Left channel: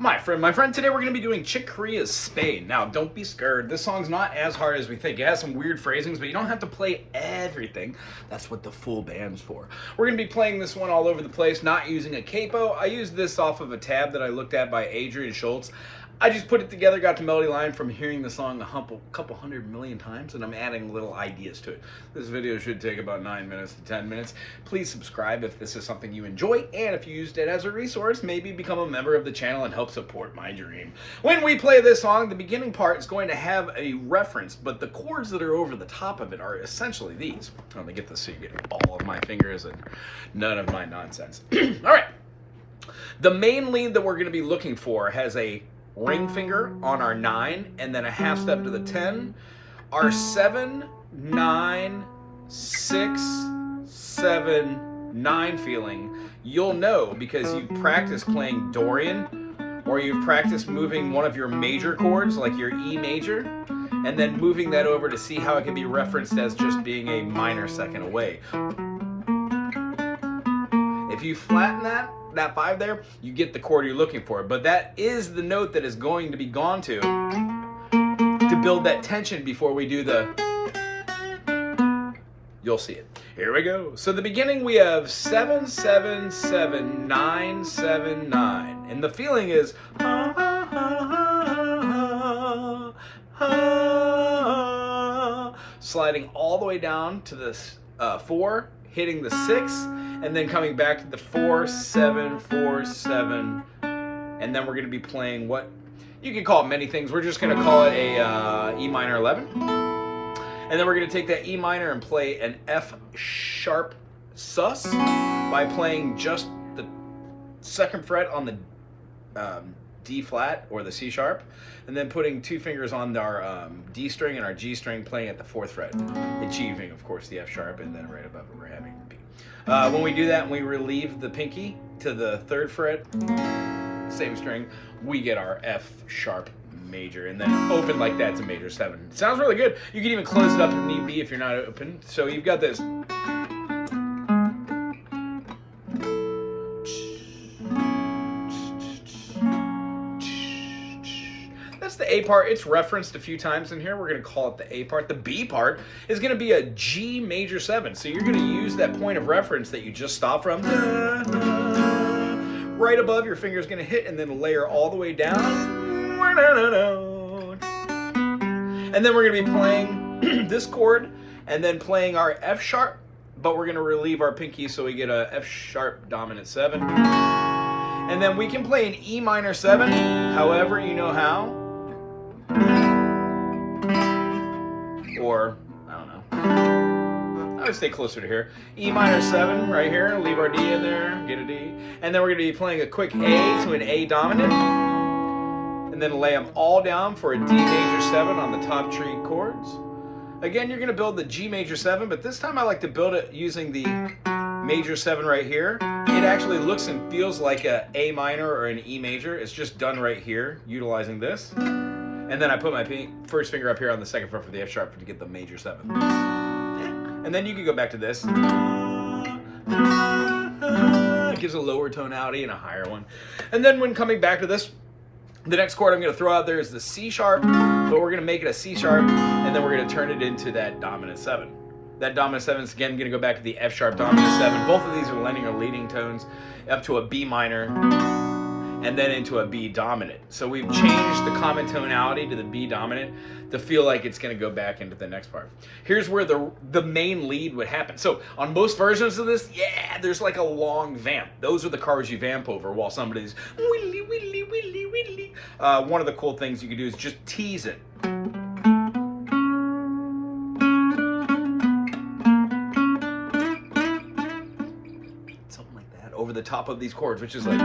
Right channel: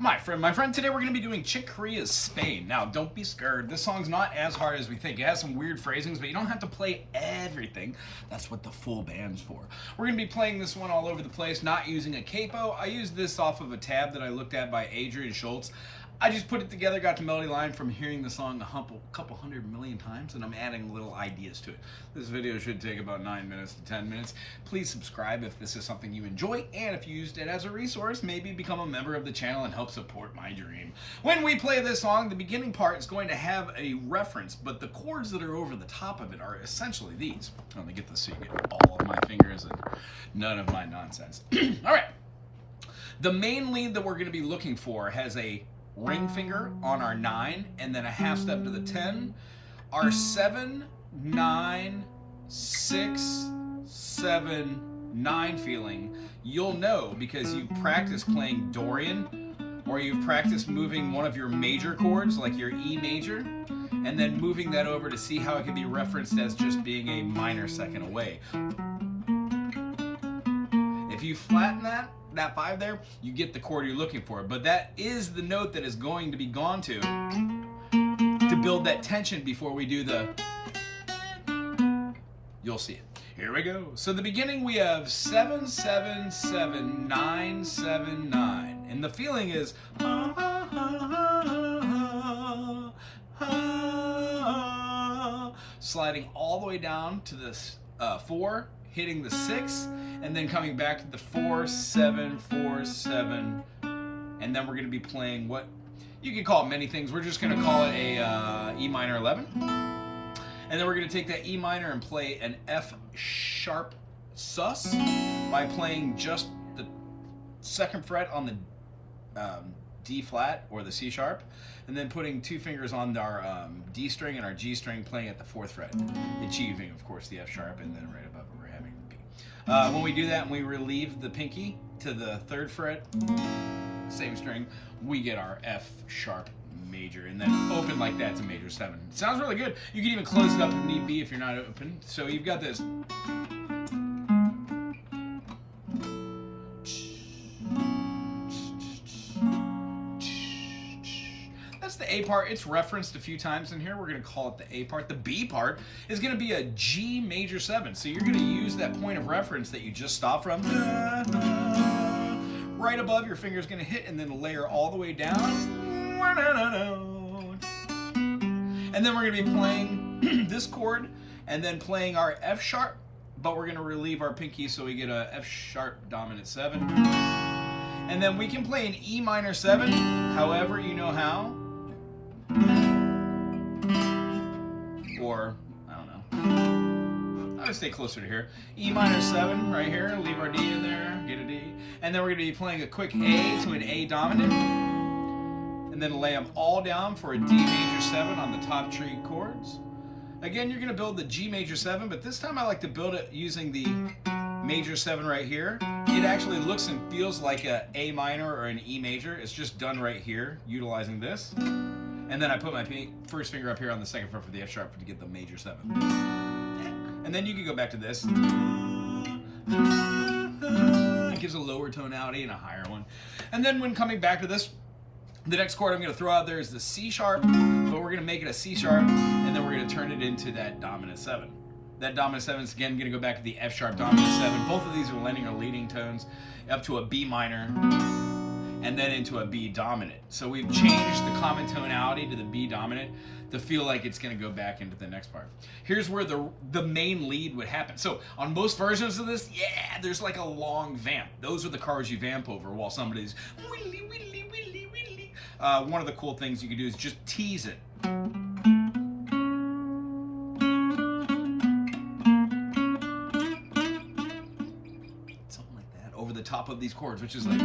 My friend, today we're going to be doing Chick Corea's Spain. Now, don't be scared. This song's not as hard as we think. It has some weird phrasings, but you don't have to play everything. That's what the full band's for. We're going to be playing this one all over the place, not using a capo. I used this off of a tab that I looked at by Adrian Schultz. I just put it together, got the melody line from hearing the song a couple 100 million times, and I'm adding little ideas to it. This video should take about 9 minutes to 10 minutes. Please subscribe if this is something you enjoy, and if you used it as a resource, maybe become a member of the channel and help support my dream. When we play this song, the beginning part is going to have a reference, but the chords that are over the top of it are essentially these. Let me get this so you get all of my fingers and none of my nonsense. All right. The main lead that we're going to be looking for has a ring finger on our 9 and then a half step to the 10. Our 7, 9, 6, 7, 9 feeling, you'll know because you practice playing Dorian, or you've practiced moving one of your major chords like your E major and then moving that over to see how it can be referenced as just being a minor second away. If you flatten that 5 there, you get the chord you're looking for. But that is the note that is going to be gone to build that tension before we do the... You'll see it. Here we go. So the beginning we have 7, 7, 7, 9, 7, 9. And the feeling is... sliding all the way down to this 4, hitting the 6, and then coming back to the 4, 7, 4, 7, and then we're going to be playing what you can call it many things. We're just going to call it a E minor 11, and then we're going to take that E minor and play an F sharp sus by playing just the 2nd fret on the D flat or the C sharp, and then putting 2 fingers on our D string and our G string, playing at the 4th fret, achieving, of course, the F sharp, and then right above it we're having the B. When we do that and we relieve the pinky to the 3rd fret, same string, we get our F sharp major, and then open like that to major 7. It sounds really good. You can even close it up if need be if you're not open. So you've got this. The A part, it's referenced a few times in here. We're going to call it the A part. The B part is going to be a G major 7. So you're going to use that point of reference that you just stopped from. Right above, your finger is going to hit and then layer all the way down. And then we're going to be playing this chord and then playing our F sharp, but we're going to relieve our pinky so we get a F sharp dominant 7. And then we can play an E minor 7, however you know how. Or, I don't know. I would stay closer to here. E minor 7 right here, leave our D in there, get a D. And then we're going to be playing a quick A to an A dominant. And then lay them all down for a D major 7 on the top tree chords. Again, you're going to build the G major 7, but this time I like to build it using the major 7 right here. It actually looks and feels like a A minor or an E major. It's just done right here, utilizing this. And then I put my first finger up here on the 2nd fret for the F sharp to get the major 7. And then you can go back to this. It gives a lower tonality and a higher one. And then when coming back to this, the next chord I'm going to throw out there is the C sharp, but we're going to make it a C sharp, and then we're going to turn it into that dominant 7. That dominant 7 is again going to go back to the F sharp dominant 7. Both of these are lending or leading tones up to a B minor, and then into a B dominant. So we've changed the common tonality to the B dominant to feel like it's going to go back into the next part. Here's where the main lead would happen. So on most versions of this, yeah, there's like a long vamp. Those are the cards you vamp over while somebody's willy, willy, willy, willy. One of the cool things you can do is just tease it. Something like that over the top of these chords, which is like...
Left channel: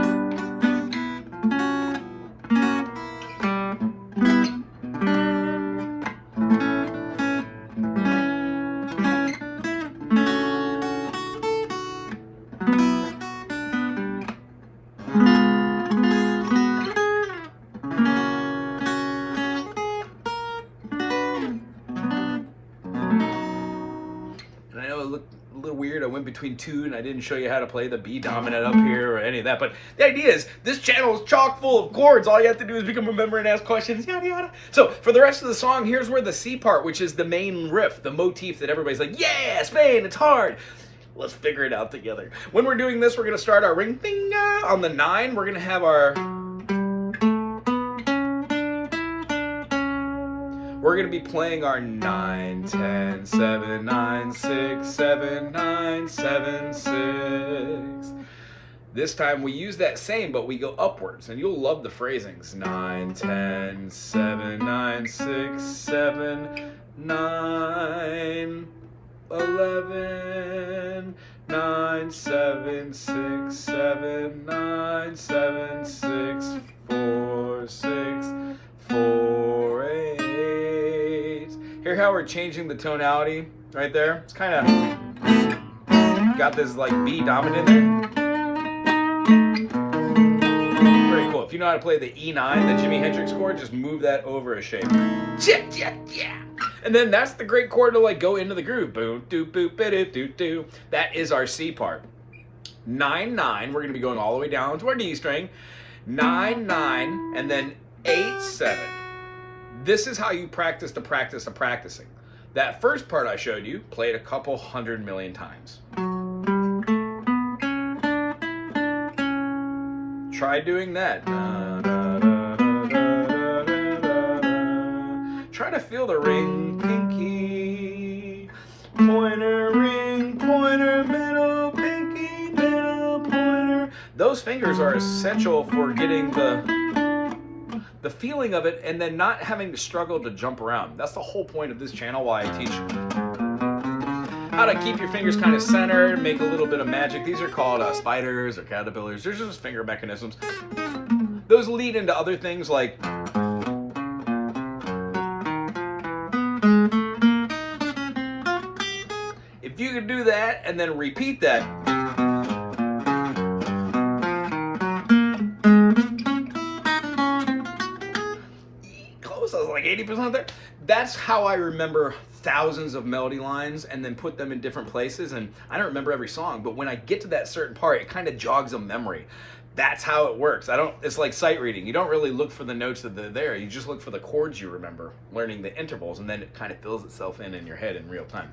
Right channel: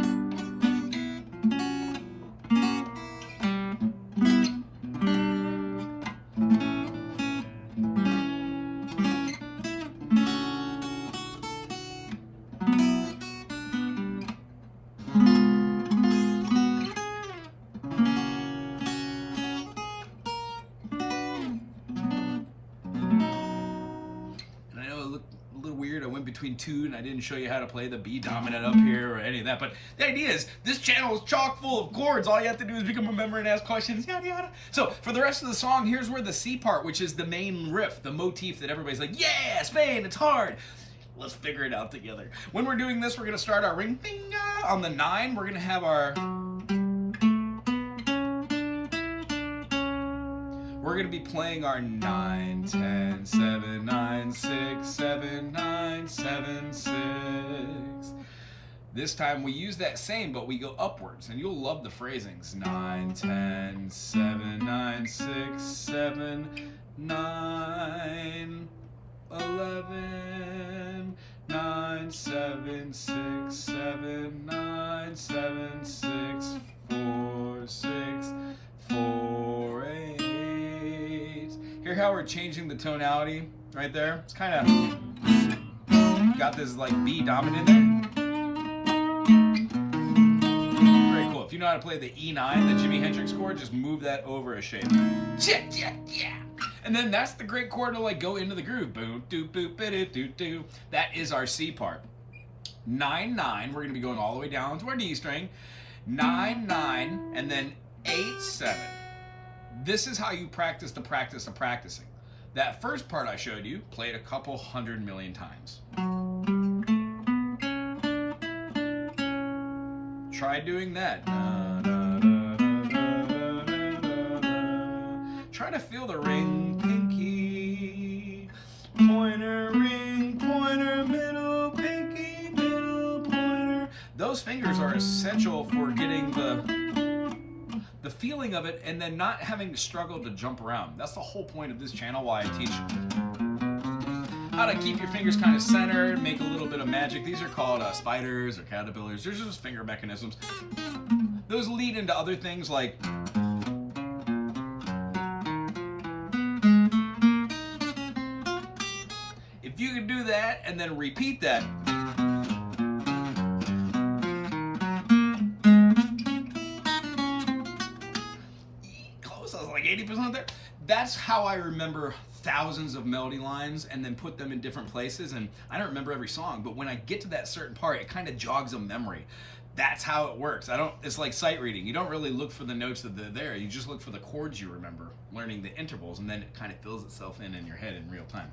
went between two and I didn't show you how to play the B dominant up here or any of that. But the idea is this channel is chock full of chords. All you have to do is become a member and ask questions, yada yada. So for the rest of the song, here's where the C part, which is the main riff, the motif that everybody's like, yeah, Spain, it's hard. Let's figure it out together. When we're doing this, we're gonna start our ring finger on the 9. We're gonna have our... We're going to be playing our 9, 10, 7, 9, 6, 7, 9, 7, 6. This time we use that same, but we go upwards, and you'll love the phrasings. 9, 10, 7, 9, 6, 7, 9, 11, 9, 7, 6, 7, 9, 7, 6, 4, 6, 4, 8. Hear how we're changing the tonality right there? It's kind of got this like B dominant in there. Very cool. If you know how to play the E9, the Jimi Hendrix chord, just move that over a shape. Yeah. And then that's the great chord to like go into the groove. Boom, doo, boop, ba-doo, doo, doo. That is our C part. 9, 9. We're going to be going all the way down to our D string. 9, 9, and then 8, 7. This is how you practice the practice of practicing. That first part I showed you, played a couple 100 million times. Try doing that. Try to feel the ring, pinky, pointer, ring, pointer, middle, pinky, middle, pointer. Those fingers are essential for getting the feeling of it and then not having to struggle to jump around. That's the whole point of this channel, why I teach how to keep your fingers kind of centered, make a little bit of magic. These are called spiders or caterpillars. They're just finger mechanisms. Those lead into other things like if you could do that and then repeat that, I was like 80% there. That's how I remember thousands of melody lines and then put them in different places. And I don't remember every song, but when I get to that certain part, it kind of jogs a memory. That's how it works. It's like sight reading. You don't really look for the notes that are there. You just look for the chords you remember, learning the intervals, and then it kind of fills itself in your head in real time.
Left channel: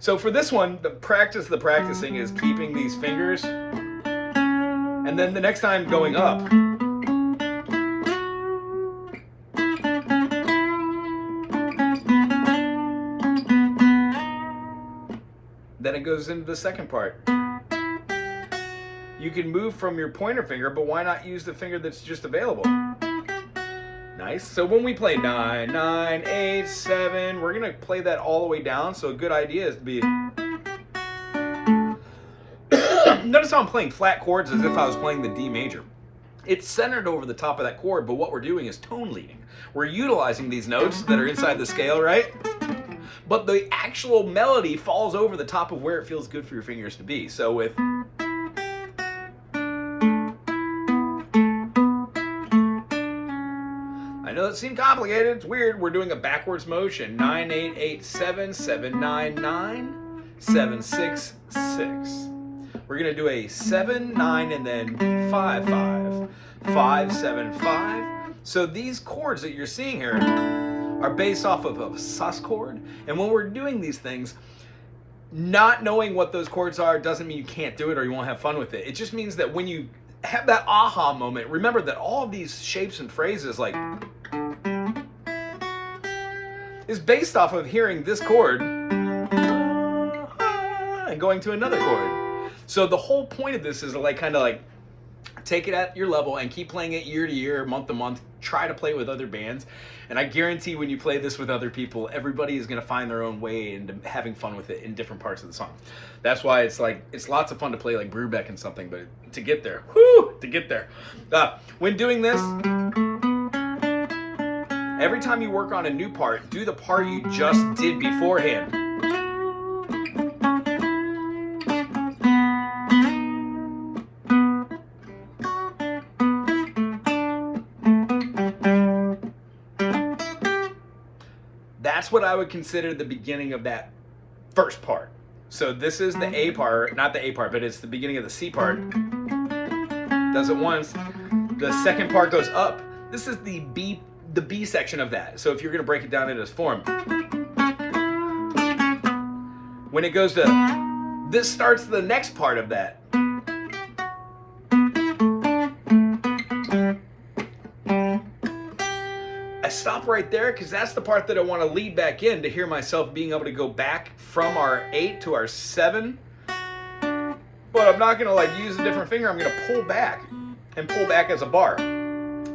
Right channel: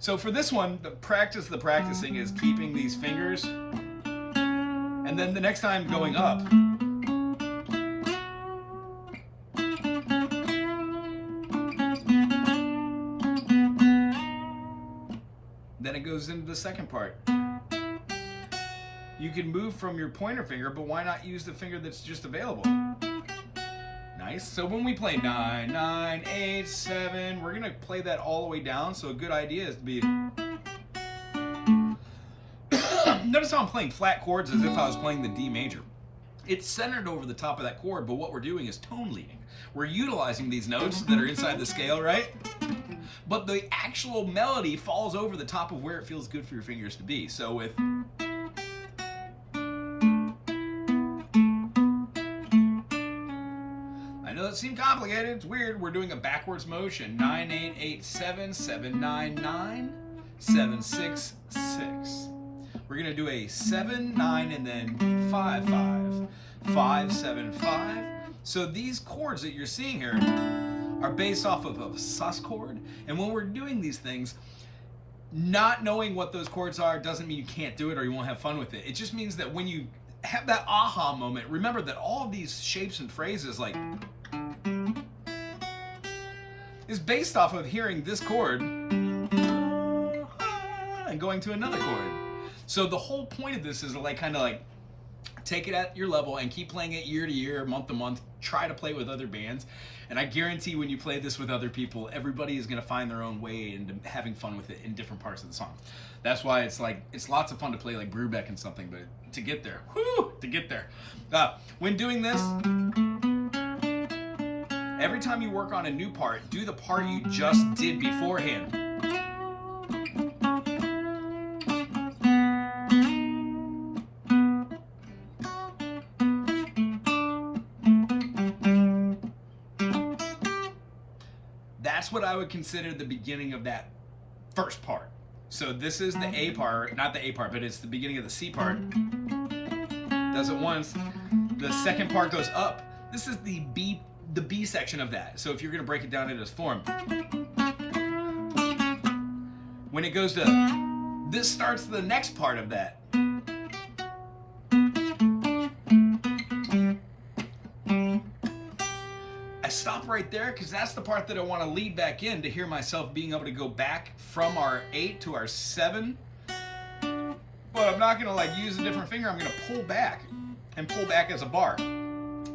So for this one, the practicing is keeping these fingers. And then the next time going up, then it goes into the second part. You can move from your pointer finger, but why not use the finger that's just available? Nice. So when we play 9, 9, 8, 7, we're gonna play that all the way down. So a good idea is to be... Notice how I'm playing flat chords as if I was playing the D major. It's centered over the top of that chord, but what we're doing is tone leading. We're utilizing these notes that are inside the scale, right? But the actual melody falls over the top of where it feels good for your fingers to be. So with... I know it seemed complicated, it's weird. We're doing a backwards motion. 9, 8, 8, 7, 7, 9, 9, 7, 6, 6. We're gonna do a 7, 9, and then 5, 5, 5, 7, 5. So these chords that you're seeing here are based off of a sus chord. And when we're doing these things, not knowing what those chords are doesn't mean you can't do it or you won't have fun with it. It just means that when you have that aha moment, remember that all of these shapes and phrases like is based off of hearing this chord and going to another chord. So the whole point of this is to like kind of like take it at your level and keep playing it year to year, month to month. Try to play it with other bands. And I guarantee when you play this with other people, everybody is going to find their own way into having fun with it in different parts of the song. That's why it's like, it's lots of fun to play like Brubeck and something, but to get there, to get there. When doing this, every time you work on a new part, do the part you just did beforehand. That's what I would consider the beginning of that first part. So this is the A part, not the A part, but it's the beginning of the C part. Does it once. The second part goes up. This is the B section of that. So if you're gonna break it down into its form, when it goes to, this starts the next part of that. I stop right there because that's the part that I want to lead back in to hear myself being able to go back from our 8 to our 7. But I'm not going to like use a different finger. I'm going to pull back and pull back as a bar.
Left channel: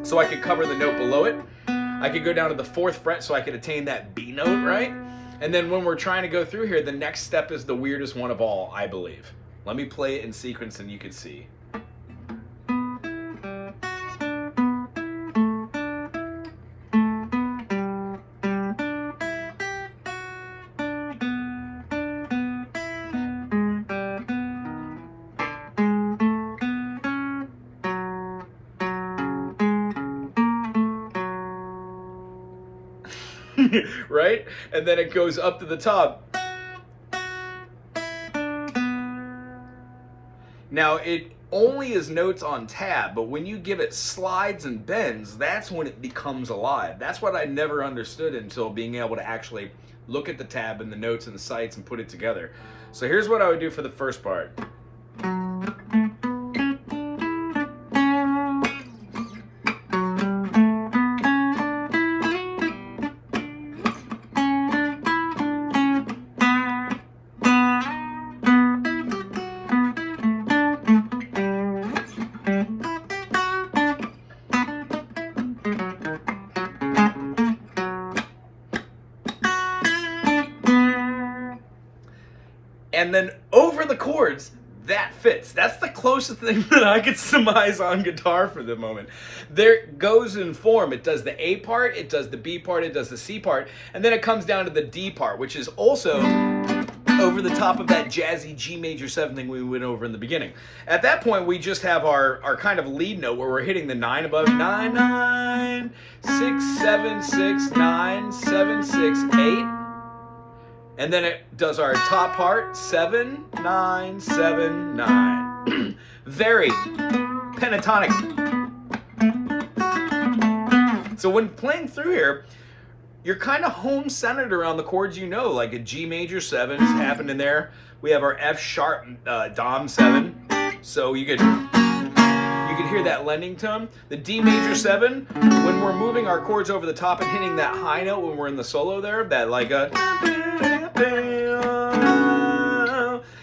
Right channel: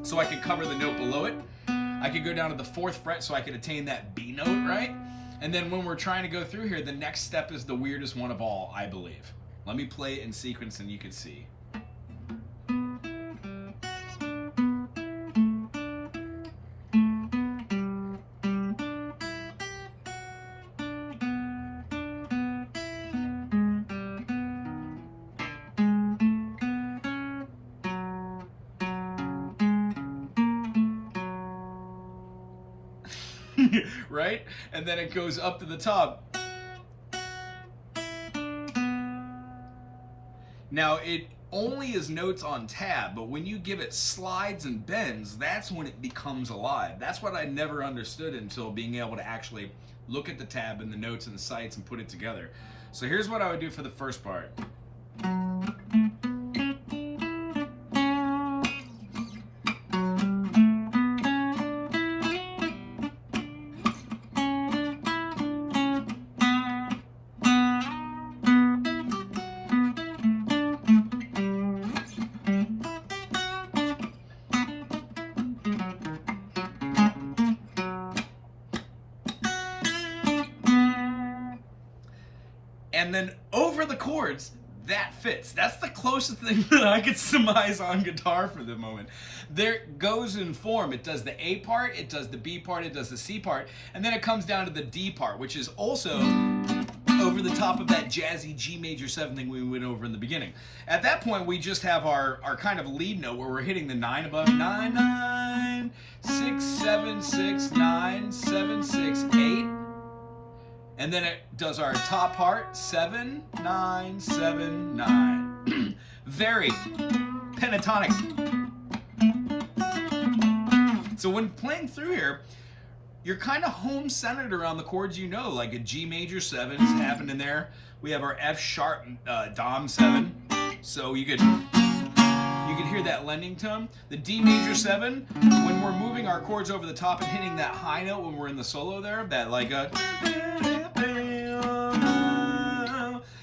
So I could cover the note below it. I could go down to the 4th fret so I could attain that B note, right? And then when we're trying to go through here, the next step is the weirdest one of all, I believe. Let me play it in sequence and you can see. Right? And then it goes up to the top. Now, it only is notes on tab, but when you give it slides and bends, that's when it becomes alive. That's what I never understood until being able to actually look at the tab and the notes and the sights and put it together. So here's what I would do for the first part. And then over the chords, that fits. That's the closest thing that I could surmise on guitar for the moment. There it goes in form. It does the A part, it does the B part, it does the C part, and then it comes down to the D part, which is also over the top of that jazzy G major 7 thing we went over in the beginning. At that point, we just have our kind of lead note where we're hitting the 9 above. 9, 9, 6, 7, 6, 9, 7, 6, 8. And then it does our top part, 7, 9, 7, 9. Very pentatonic. So when playing through here, you're kind of home centered around the chords you know, like a G major 7 is happening there. We have our F sharp Dom 7. So you could hear that lending tone. The D major 7, when we're moving our chords over the top and hitting that high note when we're in the solo there, that like a...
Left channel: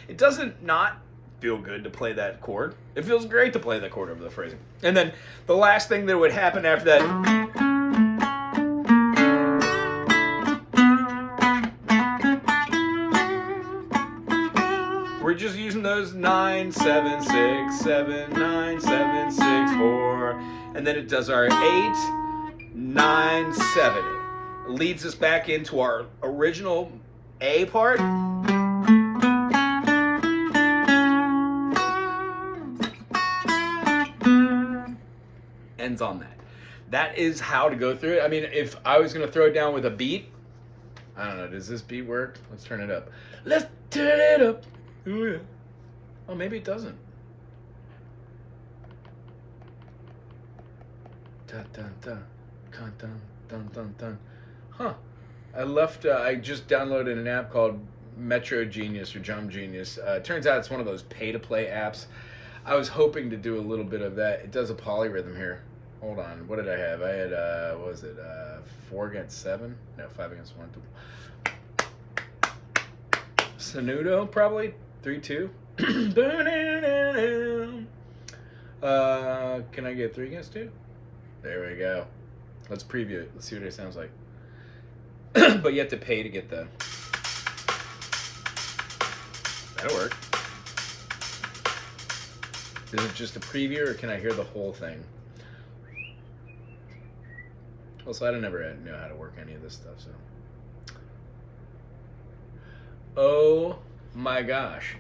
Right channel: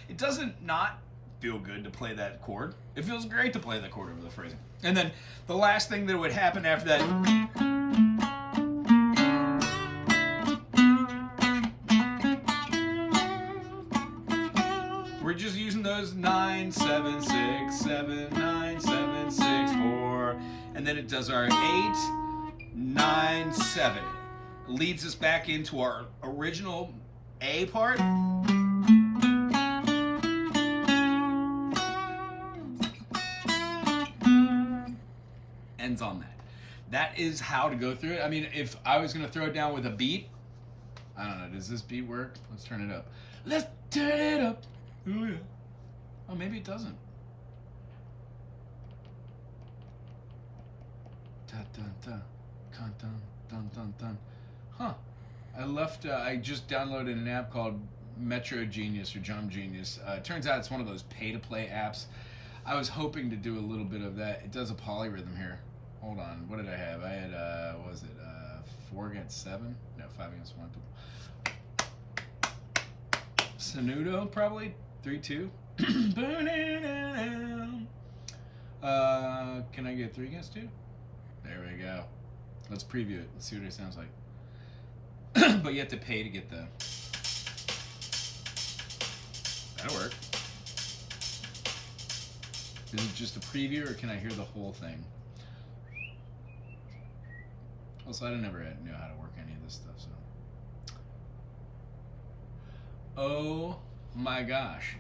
It doesn't not feel good to play that chord. It feels great to play that chord over the phrasing. And then the last thing that would happen after that, we're just using those 9, 7, 6, 7, 9, 7, 6, 4, and then it does our 8, 9, 7. It leads us back into our original A part. Ends on that. That is how to go through it. I mean, if I was going to throw it down with a beat, I don't know, does this beat work? Let's turn it up. Let's turn it up. Ooh, yeah. Oh, maybe it doesn't. Dun, dun, dun. Dun, dun, dun, dun, dun. Huh. I just downloaded an app called Metro Genius or Jump Genius. It turns out it's one of those pay-to-play apps. I was hoping to do a little bit of that. It does a polyrhythm here. Hold on. What did I have? I had, what was it? 4 against 7? No, 5 against 1. Sonudo, probably. 3-2. Can I get 3 against 2? There we go. Let's preview it. Let's see what it sounds like. But you have to pay to get the... That'll work. Is it just a preview or can I hear the whole thing? Also, I don't ever know how to work any of this stuff, so... Oh my gosh.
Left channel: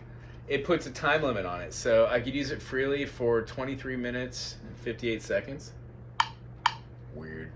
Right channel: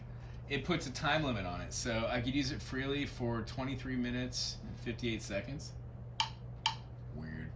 It puts a time limit on it, so I could use it freely for 23 minutes and 58 seconds. Weird.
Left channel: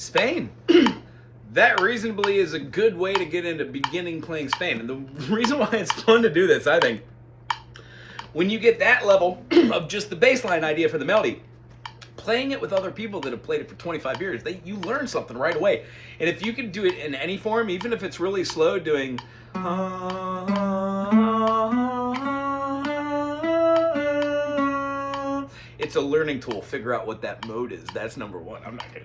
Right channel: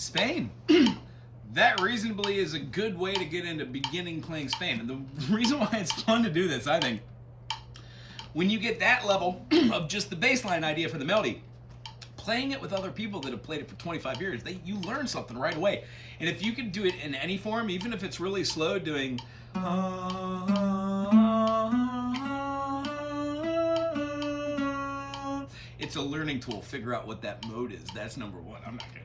Spain. That reasonably is a good way to get into beginning playing Spain. And the reason why it's fun to do this, I think, when you get that level of just the baseline idea for the melody, playing it with other people that have played it for 25 years, you learn something right away. And if you can do it in any form, even if it's really slow, doing it's a learning tool. Figure out what that mode is. That's number one. I'm not gonna